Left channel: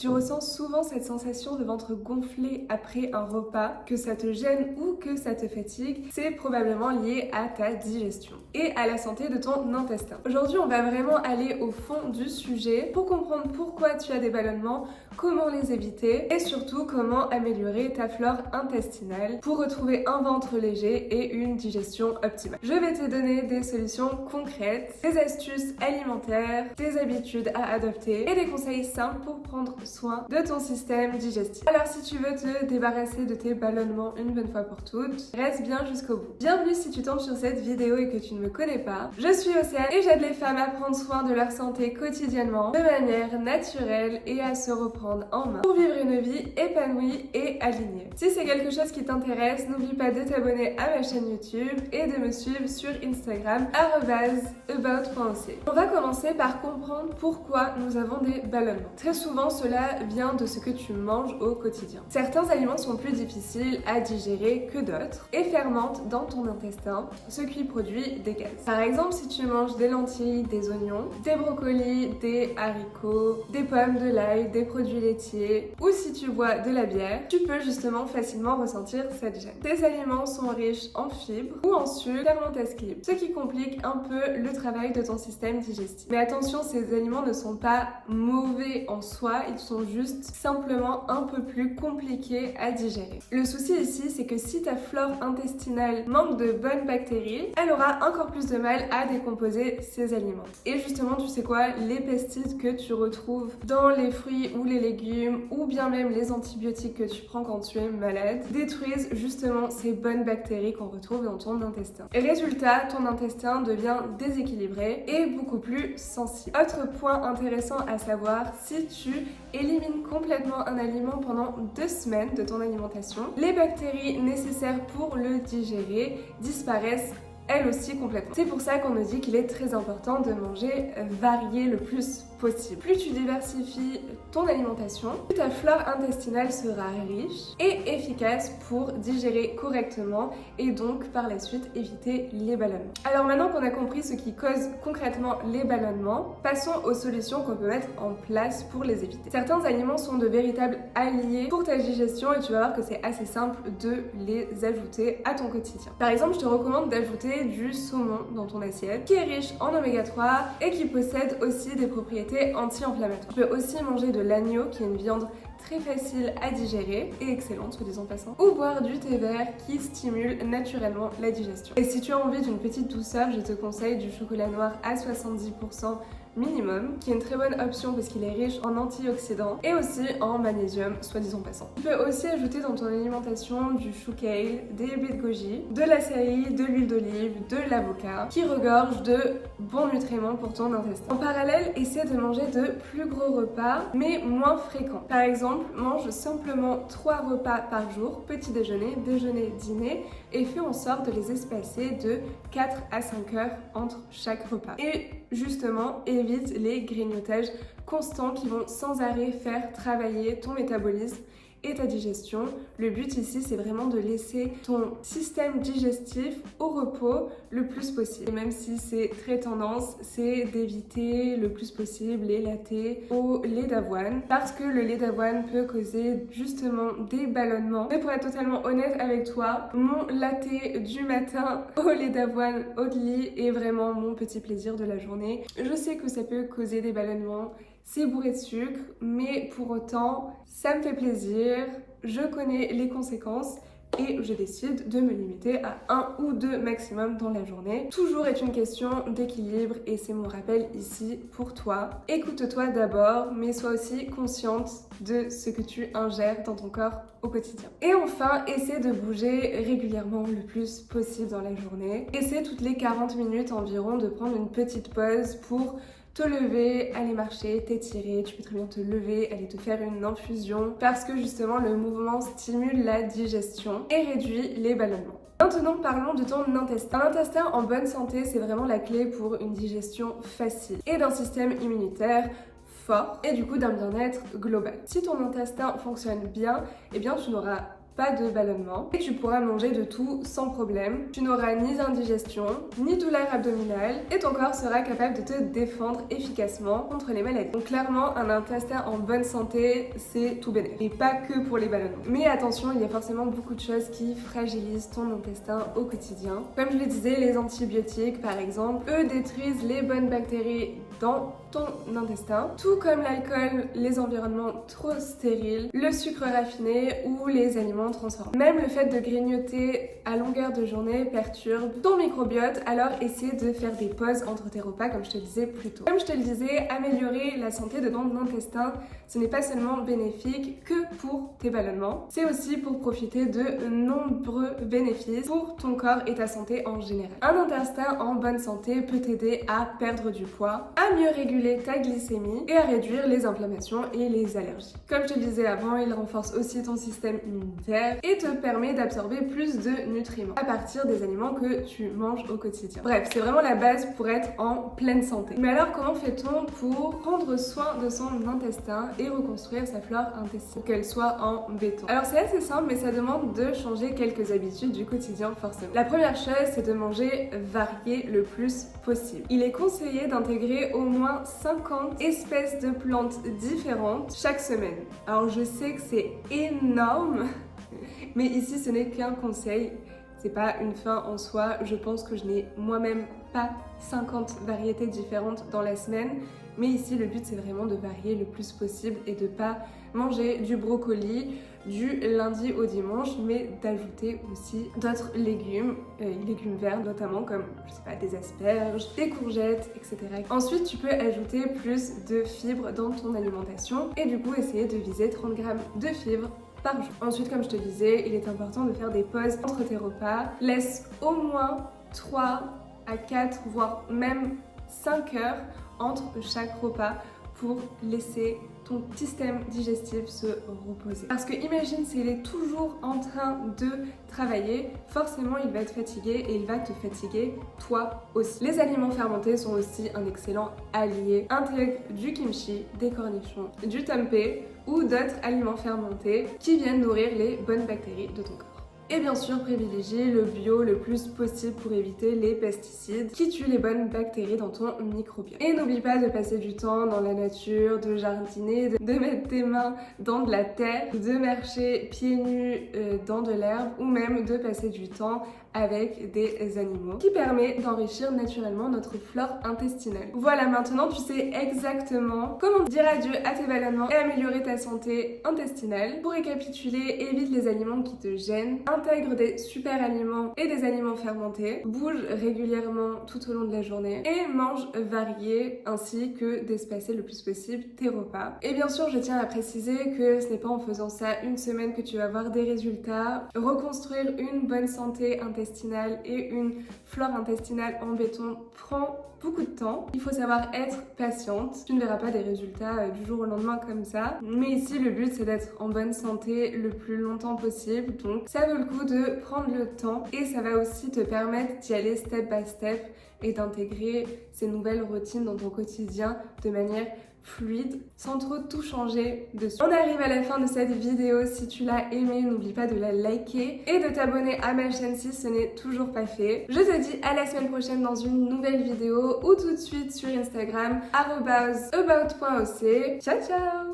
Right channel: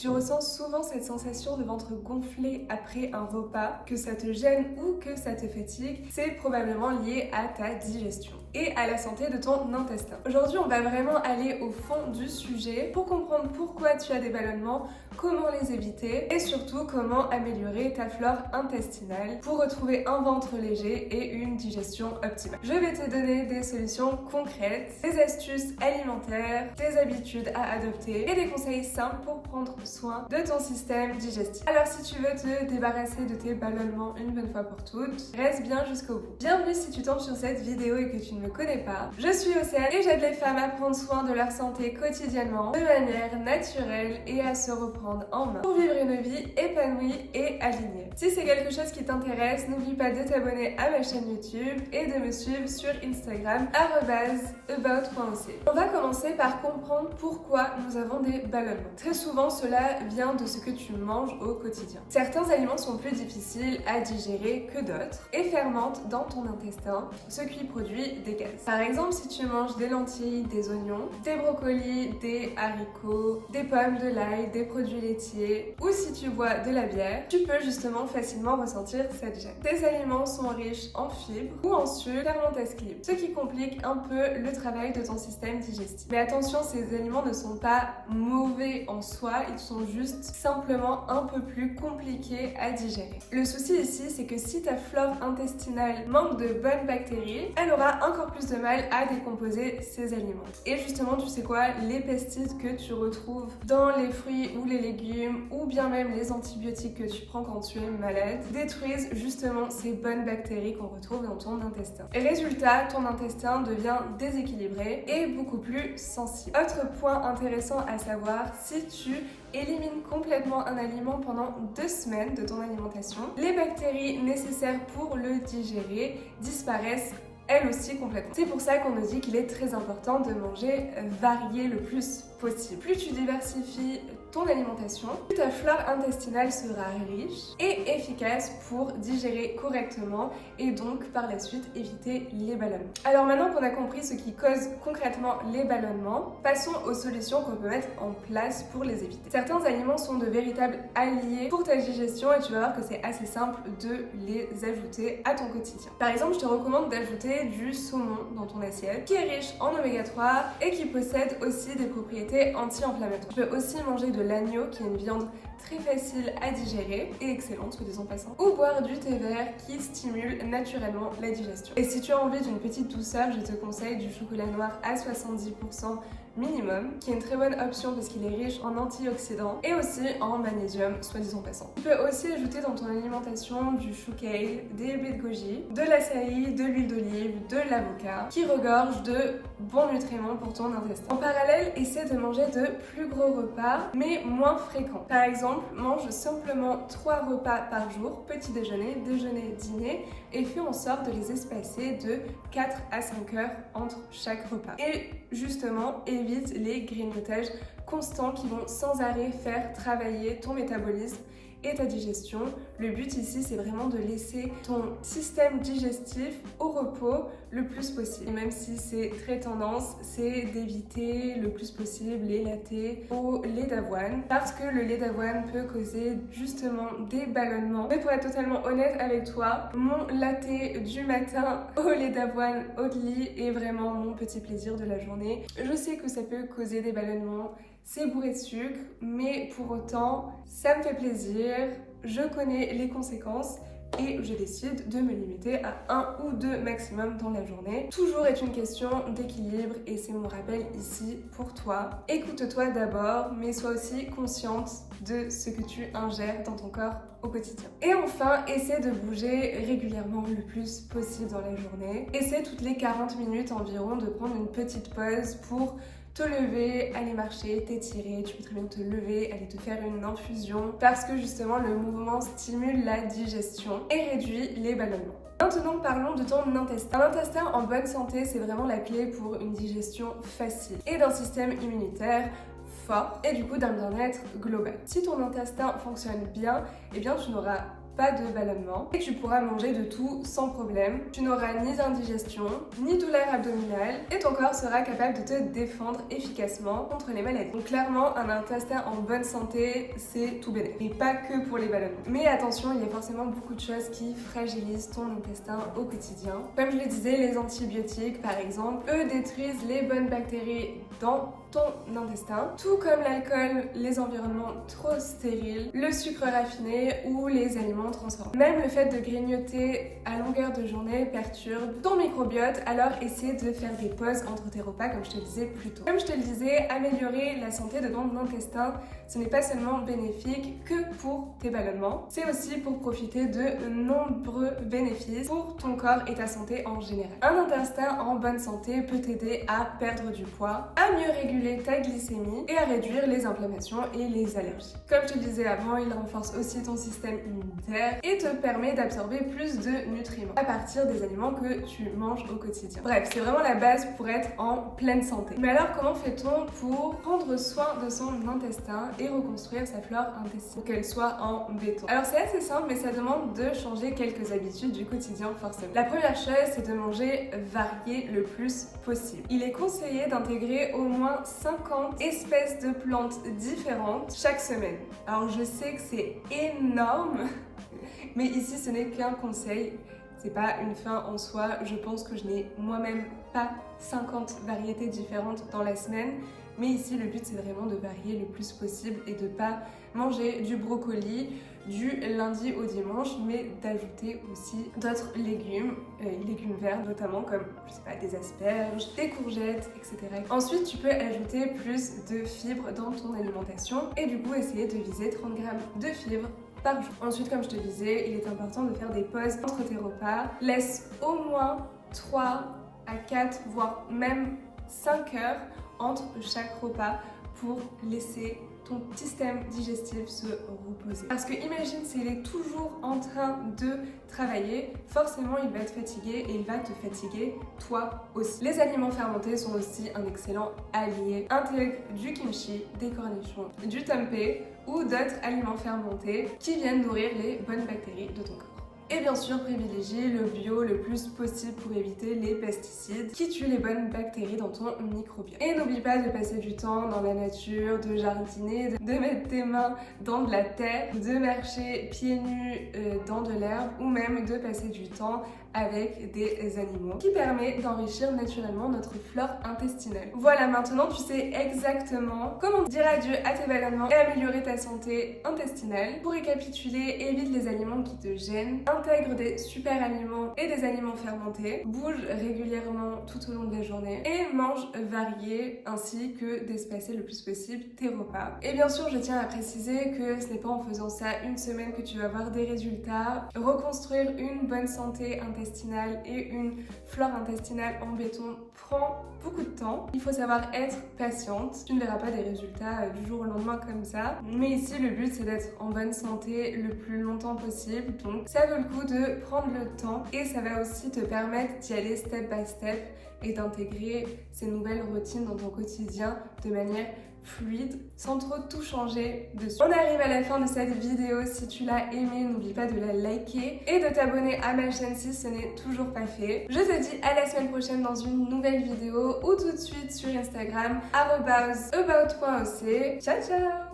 tu ressens souvent cette sensation de ventre gonflé après un repas, que ça te gêne ou que ça te fatigue, c'est probablement lié à ta digestion et à la santé de ton intestin. Aujourd'hui, on va vraiment aller au fond du sujet pour comprendre pourquoi tu as des ballonnements, comment les éviter et surtout comment améliorer ta flore intestinale pour retrouver un ventre léger et une digestion optimale. Je vais te donner des solutions concrètes, des astuces alimentaires, des habitudes à adopter et des conseils simples pour prendre soin de ton système digestif. Alors si tu veux te débarrasser de tes ballonnements une bonne fois pour toutes, reste bien jusqu'au bout. Bienvenue si tu tombes sur cette vidéo et que tu ne me connais pas. Je suis Océane et j'aide les femmes à prendre soin de leur santé quotidiennement de manière naturelle et à se reprendre en main pour vivre une vie épanouie et alignée. Si c'est quelque chose qui t'intéresse, n'oublie pas de t'abonner à ma chaîne YouTube et de me suivre sur Instagram @about.oc. On va commencer par comprendre pourquoi nous avons des ballonnements. Très souvent, cela vient de ce que tu manges au quotidien. Certains aliments sont plus difficiles à digérer que d'autres et fermentent dans ton intestin, ce qui produit des gaz. Par exemple, si tu manges des lentilles, des oignons, des brocolis, des haricots, des pommes, de l'ail, des produits laitiers ou si tu bois de la bière, tu peux justement facilement ressentir cette gêne. Ces aliments sont riches en fibres ou en sucre fermentesque, ce qui complique un peu le travail de ton système digestif. Mais attention, ces aliments ne sont pas mauvais en soi, ils sont juste simplement un peu plus compliqués à digérer. Le souci ici, c'est que si ta flore intestinale manque de bonnes bactéries, elle aura encore plus de mal à décomposer ces aliments. Et justement, tu sais quoi, les pesticides que tu retrouves dans les fruits ou les légumes ou bien même les antibiotiques que tu prends quand tu es malade détruisent justement ces bonnes bactéries qu'on retrouve dans ton intestin. Et résultat, ton intestin devient déséquilibré et beaucoup plus sensible. Autre point intéressant à savoir, si tu élimines complètement un aliment pendant 2 semaines de ton alimentation, les bactéries nécessaires pour le digérer disparaissent elles aussi complètement. C'est pour ça qu'on nous dit qu'il est très important de manger varié le plus possible. Plus tu diversifies ton alimentation, plus ta flore intestinale sera riche et efficace pour digérer correctement et donc par la suite éviter les ballonnements. Alors maintenant qu'on a compris ce qui cause concrètement les ballonnements, passons aux solutions qu'on peut mettre en place pour les éviter. Certains aliments sont de véritables alliés pour ta digestion et tu vas voir que c'est assez simple de les ajouter à ton quotidien. Par exemple, je te recommande d'ajouter du saumon dans ton assiette qui est riche en oméga 3 et qui possède aussi des propriétés anti-inflammatoires. Tu peux aussi manger de l'agneau qui est une viande très facile à digérer et excellente, soit disant passant, ou boire du thé vert qui stimule naturellement la digestion. Et si tu as envie d'une petite douceur, je te conseille du chocolat noir à 70% minimum, qui est une très bonne option parce qu'il est riche en antioxydants et aussi en magnésium, soit disant passant. Tu peux aussi ajouter dans ton alimentation du chou kale, des baies de goji, de l'açaï, de l'huile d'olive, de l'avocat, qui regorge de bons nutriments pour ton intestin. En parallèle, essaie de manger de plus gros repas, mais moins fréquents. Par exemple, mange simplement 3 repas par jour, petit déjeuner, déjeuner, dîner, et fais en sorte de les espacer de 4 à 5 heures entre chaque repas. Et justement, évite les grignotages constants qui vont sans arrêt faire travailler ton métabolisme et ta digestion. Le but ici, c'est vraiment de laisser ton système digestif au repos le plus possible. Et même si c'est très tendance, c'est d'éviter le plus possible les lattés au lait d'avoine parce que le lait d'avoine peut causer justement des ballonnements. Mais pour être totalement honnête avec toi, mon latte du matin au lait d'avoine au lit est vraiment mon petit plaisir de la journée. Je sais que ça peut causer des ballonnements, c'est bourré de sucre, mais pour autant, ça me fait plaisir, je connais les conséquences et je décide de me limiter à 1 ou 2 maximum dans la journée. Toujours est une question d'équilibre et c'est mon rappel ici pour toi. Écoute-toi d'abord, mais sois aussi consciente de ce que tu ingères dans ton corps au quotidien. Et enfin, essaie de bouger régulièrement le plus possible dans la journée. Essaie toutes les 40 minutes environ de prendre une petite pause pour te lever, aller marcher, t'étirer, tu peux très bien te lever, aller te faire une infusion parce que justement le mouvement stimule la digestion et réduit les ballonnements. Maintenant parlons de ton intestin. Un intestin en bonne santé, c'est vraiment la clé pour une digestion facile et d'un système immunitaire fort et du coup d'un bien-être global. Si ton intestin fonctionne bien, eh bien tu n'auras pas de ballonnement et tu pourras manger de tout sans problème. Tu n'auras ni indigestion, ni douleur abdominale et ton corps sera capable de te défendre efficacement contre les maladies. Donc clairement, un intestin en bonne santé, c'est tout bénéfique. Et pas que pour les ballonnements. Mais attention, il y a forcément beaucoup de choses qui fragilisent ton intestin au quotidien. Comme je le disais, les antibiotiques par exemple, eux détruisent les bonnes bactéries dans ton intestin, tout comme l'alcool, les environnements trop stériles, le sucre raffiné ou les aliments transformés. Même le fait de grignoter à longueur de journée perturbe ton microbiote, alors essaie de faire des pauses entre tes repas comme je te le disais plus tôt. Comme je te le disais, améliorer la santé de ton intestin, ce n'est pas seulement bénéfique que pour tes ballonnements, c'est aussi pour profiter de nombreux bénéfices pour ton corps et ta santé en général. Un intestin en bonne santé peut t'aider à perdre du poids, à mieux réguler ta glycémie et à réduire les inflammations et les allergies. Comme je te le disais avant, il renforce aussi ton système immunitaire et te permet d'absorber plus de nutriments à partir des aliments que tu manges au quotidien. Bref, c'est vraiment la base pour être en pleine santé. Mais alors, comment fait-on pour prendre soin de son intestin et reconstruire sa flore intestinale pour qu'elle soit en béton? Alors c'est assez simple, mais ça demande de changer quelques habitudes du quotidien forcément. La première chose, c'est de manger varié le plus possible. Il est conseillé d'intégrer au moins 50 espèces de plantes différentes chaque semaine. Alors je sais que c'est énorme, mais ici ce n'est qu'un conseil, c'est pas une fin en soi. Je pense que je n'ai moi-même pas 50 variétés différentes dans la semaine, mais ici le but c'est vraiment de varier le plus possible et de pas manger du brocoli du lundi au dimanche, mais d'ajouter aussi d'autres légumes, légumes verts notamment comme, je sais pas, des asperges, des courgettes, etc. Ensuite, tu peux ajouter plus de fibres dans ton alimentation et du coup essayer de viser 30 grammes de fibres par jour. Ensuite, comme je te disais, il est important de faire des pauses entre tes repas. Laisse au moins 3 à 4, voire même 5 heures entre chaque repas pour laisser ton système digestif se reposer. Parce que imagine s'il est toujours en train de travailler, forcément il va être fatigué et il va te fatiguer toi aussi. Les aliments fermentés sont aussi un excellent allié. Intègre du kimchi, des cornichons, du tempeh ou d'autres aliments fermentés qui viennent nourrir les bonnes bactéries de ton corps. Et bien sûr, privilégier le bio le plus possible pour éviter les pesticides qui tuent les bonnes bactéries dans ton microbiote. Et n'oublie pas de passer du temps dans la nature, de jardiner, de mettre tes mains dans de la terre, de marcher pieds nus dans de l'herbe ou même de passer du temps avec des animaux qui permet d'enrichir naturellement notre flore intestinale. Voilà, maintenant tu sais exactement comment dire adieu à tes ballonnements et améliorer ta santé intestinale. Pour récapituler, évite les aliments qui te gênent, intègre des super aliments et des aliments fermentés, bouge régulièrement tout au long de la journée et mange varié ainsi que d'espacer le plus possible tes repas. Et bien sûr, je tiens à préciser que ce n'est pas en faisant ça une semaine que tu vas avoir des résultats. Reconstruire une bonne santé intestinale et une flore intestinale en béton prend beaucoup de temps. Il faut savoir être patiente. Tu ne verras pas des résultats du jour au lendemain comme ça. Mais ici, le but, c'est d'être en bonne santé le plus longtemps possible. Donc, ça vaut le coup de prendre le temps et ça va aussi te permettre d'y aller step by step et d'intégrer ces nouvelles routines dans ton quotidien de manière fluide, sans trop tout changer dessus. On arrive à la fin de cette vidéo. Si tu l'as aimée, n'oublie pas de la liker et de t'abonner à ma chaîne si ce n'est toujours pas fait. Je te dis à la semaine prochaine dans une nouvelle vidéo ou tout de suite sur Instagram @about.oc. Ciao ciao.